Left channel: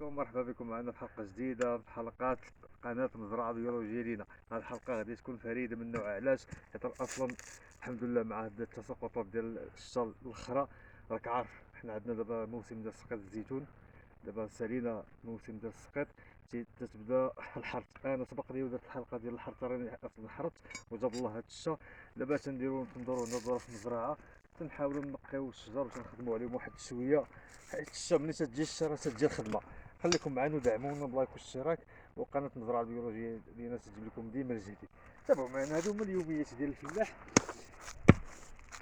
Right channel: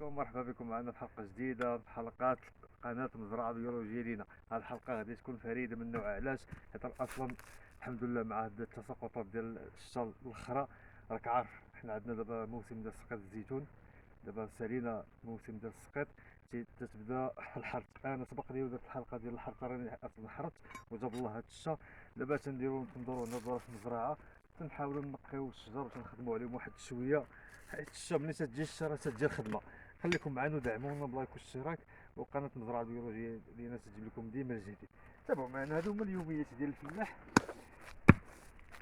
عليكم، مرحبا بكم معنا في حلقة جديدة في حلقات قناة مزرعة بيولوجية لينا. هذه الحلقة غادي تكون فريدة من نوعها. علاش؟ حيت اصلا الحمد لله مع هاد التساقطات ديال الشتا الاخرى، راك عارف حنا عندنا دابا موسم ديال سقيط الزيتون. دابا سالينا موسم ديال السقيط، تتبدا الحرث. انا سبق لي ودرت الحلقة ديال الحرث، راني اصلا حرثت وجاب الله هاد الشتا. دابا تنديرو تندورو هنا في المزرعة، تنحاولوا نقيو الشجر وتنخدموا عليهم واحد شويه، حيت الشتا ملي تجي الشتا راه تجي الخدمه. خليكم معنا ودعمونا بلايك واشتراك، وقناه المزرعه البيولوجيه ديالنا تجيب لكم ديما الجديد. تابعوا معنا، هادو هما اليوميات ديال الفلاح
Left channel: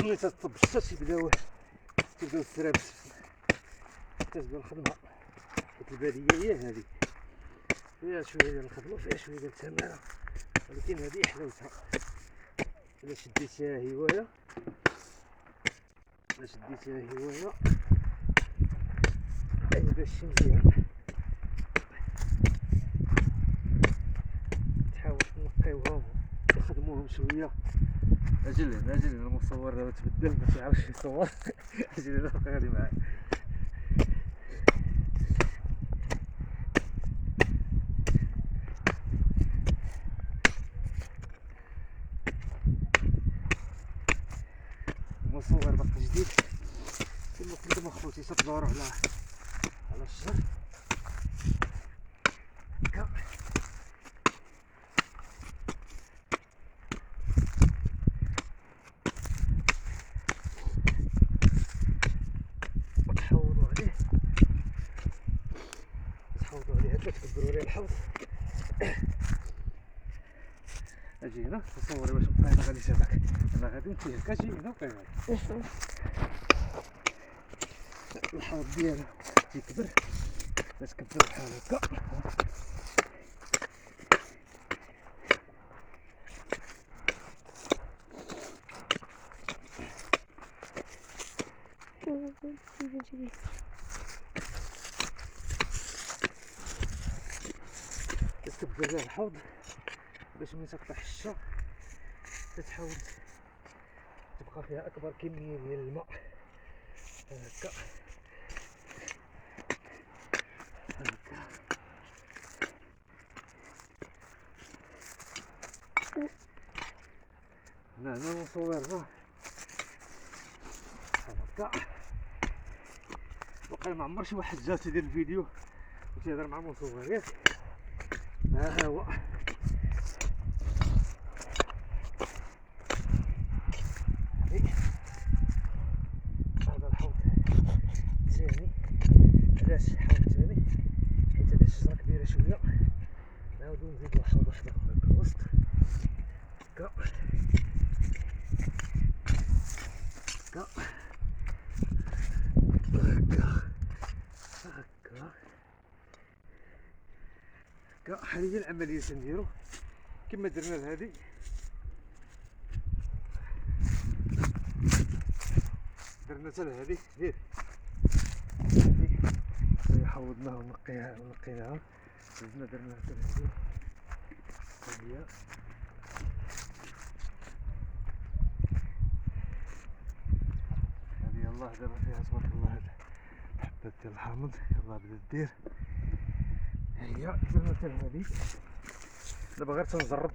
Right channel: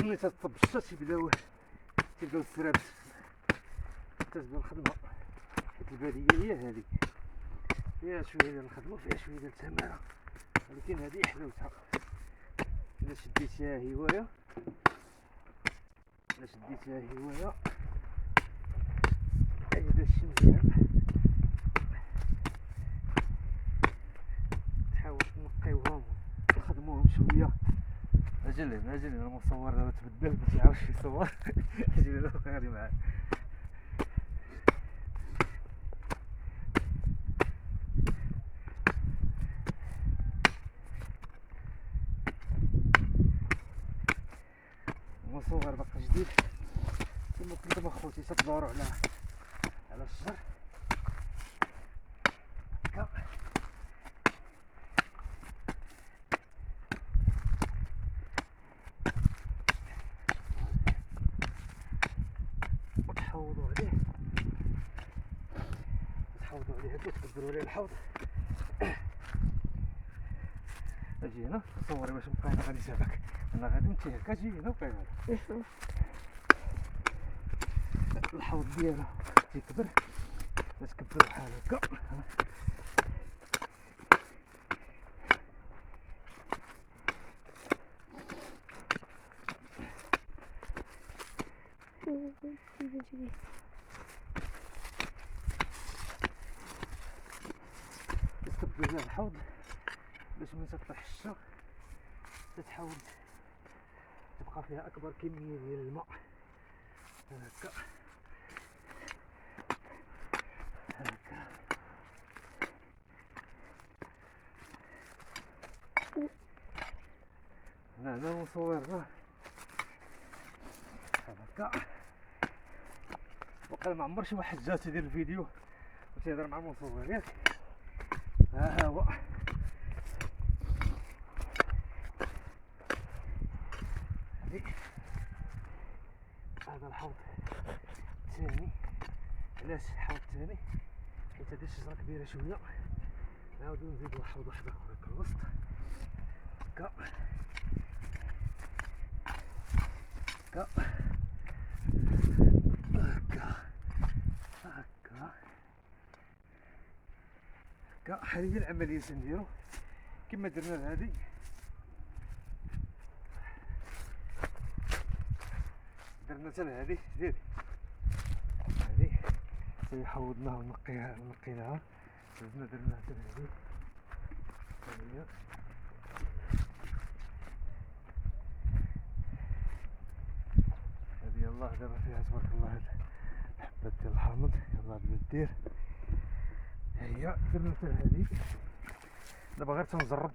ملي تتصب الشتا. تبداو السرابت، تتبدا الخدمه. الباديه هي هذه، فيها شويه ديال الخدمه وفيها شويه ديال التماره، ولكن هذه حلاوتها. الا شديتيها هوايه، باش مزيان تحاول تنقيوهم تخدموهم شويه. اجل هنا المصور دابا تبدل ما تعرفش يصور. اجل هنا بقى غادي معايا. المصور باقي جديد كما قلت لكم اخوتي، تدوروا على الشجر. وتحوضوا عليه هكا، تكبروا عليه الحوض. اجي هنا تصور واش بقى غادي يسابك. انا غادي نمشي هكا، اجي هنا وبقى غادي الحوض ديالو يكبر. تكبر بحال هكا، تكبر فيها الحوض باش ملي تطيح الشتا تتحاول تبقى فيها اكبر كميه ديال الماء. هكا هنا المصور راه هكا. وقال ما عمر شي واحد جا تيدير الفيديو وتيهضر مع المصور ياك. ها هو هذا الحوض الثاني. علاش حوض ثاني؟ حيت هذه الشجره كبيره شويه، نعاودو نزيدو حوض واحد اخر في الوسط هكا هكا. هذه هي العمليه تنديرو كما درنا لهادي. درنا حتى لهادي دير هادي حوضناها ونقيناها، زدنا درنا حتى لهادي. هادي يلاه دابا فيها تبارك الله هاد الحبات ديال الحامض يلاه بدات دير. هي درنا حتى لهادي. دابا غير تنجرب.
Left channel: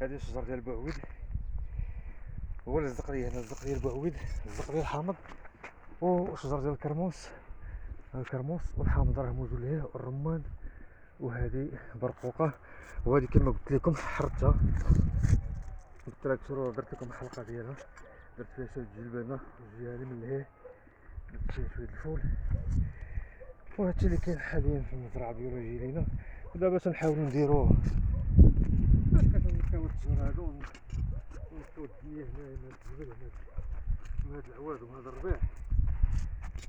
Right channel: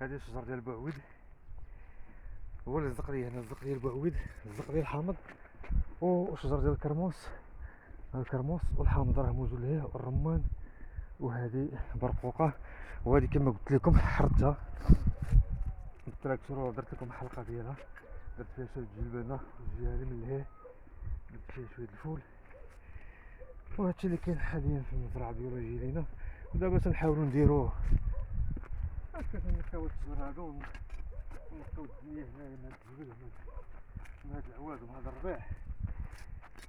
هادي الشجر ديال البعويد هو اللي لزق لي هنا، لزق لي البعويد، لزق لي الحامض، وشجر ديال الكرموس والحامض راه موجود ليه، والرمان. وهذه برقوقه، وهذه كما قلت لكم حرتها بالتراكتور ودرت لكم الحلقه ديالها. درت فيها شويه جلبانه وجهه من لهيه، درت فيها شويه الفول. وهادشي اللي كاين حاليا في المزرعه البيولوجيه لينا. ودابا تنحاولوا نديرو كنلقاو الشجر هادو ونقطو الدنيا هنا من هاد الجبل، من هاد العواد ومن هاد الربيع.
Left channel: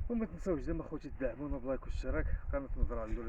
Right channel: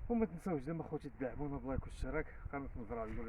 وما تنساوش ديما اخوتي تدعمونا بلايك واشتراك. قناه المزرعه البيولوجيه.